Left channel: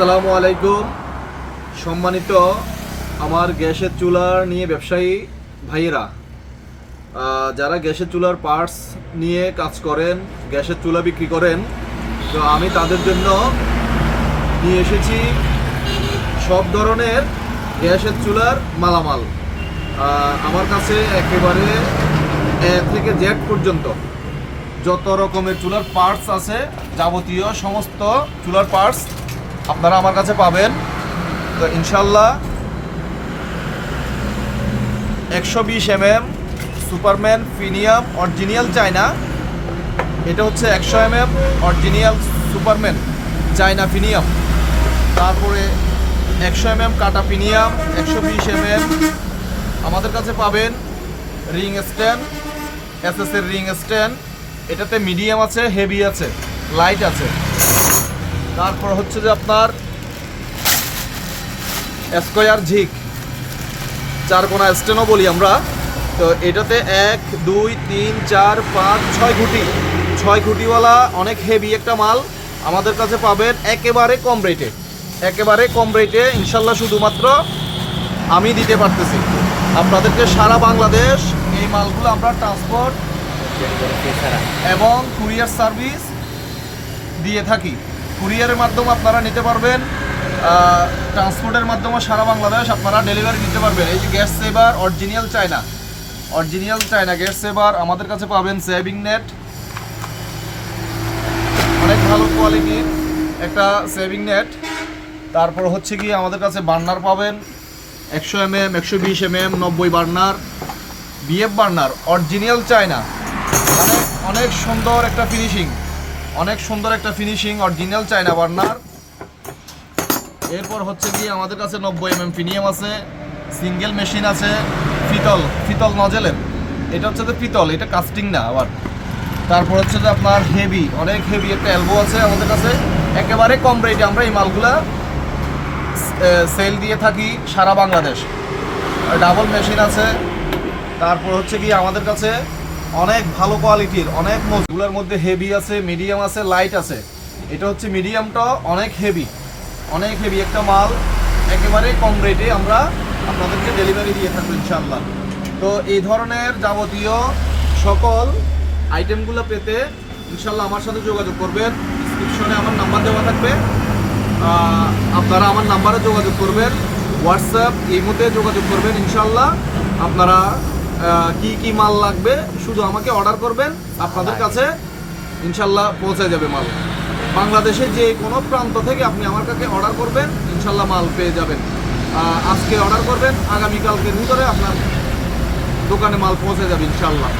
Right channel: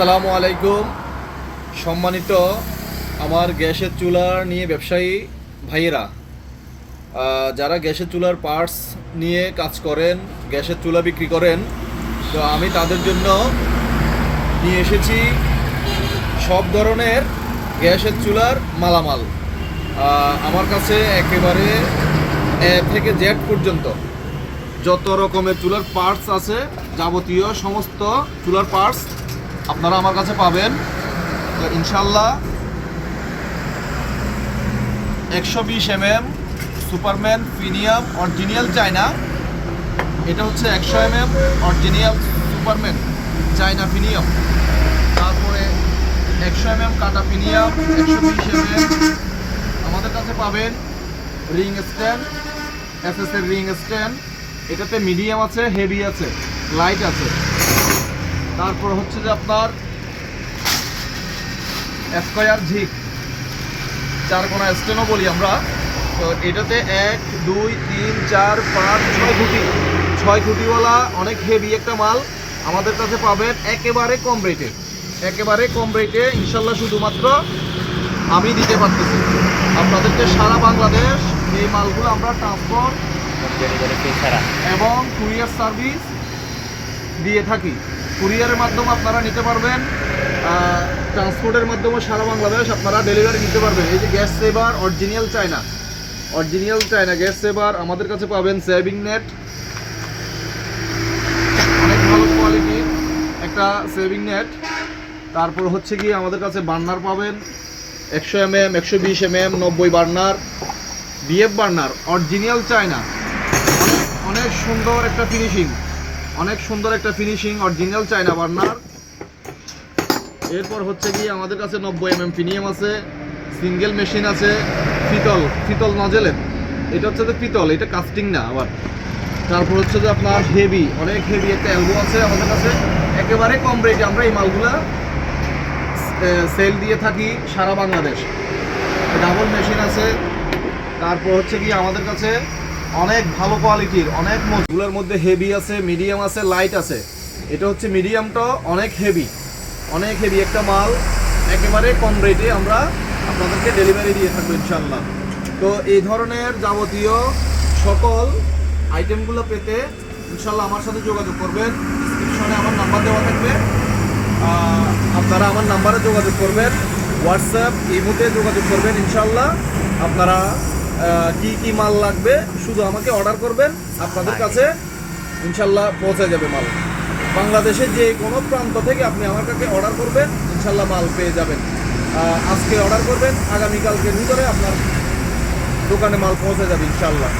আসসালামু আলাইকুম। সম্মানিত আমার গ্যাসের চুলার নিয়ে ব্যবসায়ী ভাইয়েরা যারা গ্যাসের চুলার পার্টস নিয়ে কাজ করেন, গ্যাসের চুলা বিক্রি করেন, তো আমি তাদের জন্য নিয়ে এসেছি সব ধরনের গ্যাসের চুলার মালামাল। আমার কাছে একেবারে এ থেকে জেড পর্যন্ত যত রকমের চুলার পার্টস আছে, যাবতীয় সমস্ত চুলার পার্টস আপনারা আমার কাছে পাবেন। তো ইনশাল্লাহ একশো বিশ M M Superman premium original China. এটা হচ্ছে একশো M M original Superman China premium তারপরে একশো এম এম কাটা প্রিমিয়াম একশো বিশ এম এম আমাদের কাছে পাবেন রিং স্ট্যান্ড এস এর রিং স্ট্যান্ড। এটাতে মিডিয়াম আছে, হেভি আছে, লাইট আছে। তারপর হচ্ছে যে আপনার স্কোয়ার ঝিক। চার কোনা স্টেনও বলি আমরা। তো এটাতে এক দুই তিন চার পাঁচ ছয় খুঁটি। ছয় খুঁটিওয়ালা অনেক হেভি একটা মাল আমাদের কাছে পাবেন একেবারে কম রেটে একেবারে কম রেটে ইনশাল্লাহ শুধুমাত্র আমি দিতে পারতেছি। আপনাদেরকে সারা বাংলাদেশ এই মালগুলো আমরা ট্রান্সপোর্ট এবং কুরিয়ার সার্ভিস দিয়ে থাকি। কুরিয়ারের মাধ্যমে আপনারা নিতে পারবেন ট্রান্সপোর্টের মাধ্যমে সারা বাংলাদেশ আপনারা ডেলিভারি নিতে পারবেন। এই যে gas saver original China original China gas saver আমাদের কাছে পাবেন সেভিং নেট অনেক ভালো কোয়ালিটির একটা সেভিং নেট তারপর হচ্ছে কি আমাদের কাছে বার্নার পাবেন। একশো এম এম একশো বিশ এম এম নব্বই burner BF burner original China অনেক অনেক সুন্দর একটা ফিনিশিং অনেক সুন্দর একটা ফিনিশিং অরিজিনাল চায়না বার্নার। এরপর হচ্ছে কি আমাদের কাছে নব্বই এম এম ফিনিয়াম আছে সিঙ্গেল মেশিন আছে পিতল পিতল নজেলের এটা হচ্ছে যে পিতল এটা কাস্টিং না আবার। তারপর হচ্ছে যে আপনার হেভি অনেক হেভি একটা অ্যালবো আছে আমাদের কাছে। একেবারে কম রেটে আমরা এই মালগুলা সেল দিয়ে থাকি সারা বাংলাদেশ। ডাবল মেশিন আছে। তারপর হচ্ছে কি আমাদের কাছে অনেক ভালো কোয়ালিটির, অনেক মজগুলোর মধ্যে হেভি আছে মিডিয়াম আছে লাইট আছে। এটা হচ্ছে মিডিয়ামটা অনেক হেভি অনেক হেভি একটা মাল। একেবারে কম রেটে আমরা আপনাদেরকে ডেলিভারি দিয়ে থাকব ইনশাল্লাহ তো এই ধরনের যাবতীয় সকল আইটেমগুলো পেতে ইনশাল্লাহ আমার সাথে যোগাযোগ করবেন। ডিসক্রিপশনে আমার নাম্বার দেওয়া থাকবে। আপনারা আমার নাম্বারে যোগাযোগ করবেন। হোয়াটসঅ্যাপ ইমোতে যোগাযোগ করবেন ইনশাল্লাহ আপনারা কি কি মাল লাগবে শুধু আমাকে অর্ডার করবেন আপনাদের কাছে ইনশাল্লাহ পৌঁছে যাবে মাল। বাংলাদেশের যে কোনো প্রান্ত থেকে আপনি আমার কাছে অর্ডার করবেন ইনশাল্লাহ মাল পেয়ে যাবেন। আজকে অর্ডার করবেন আগামীকালকে ভিতরে আপনার দোকানে মাল পৌঁছে যাবে ইনশাল্লাহ।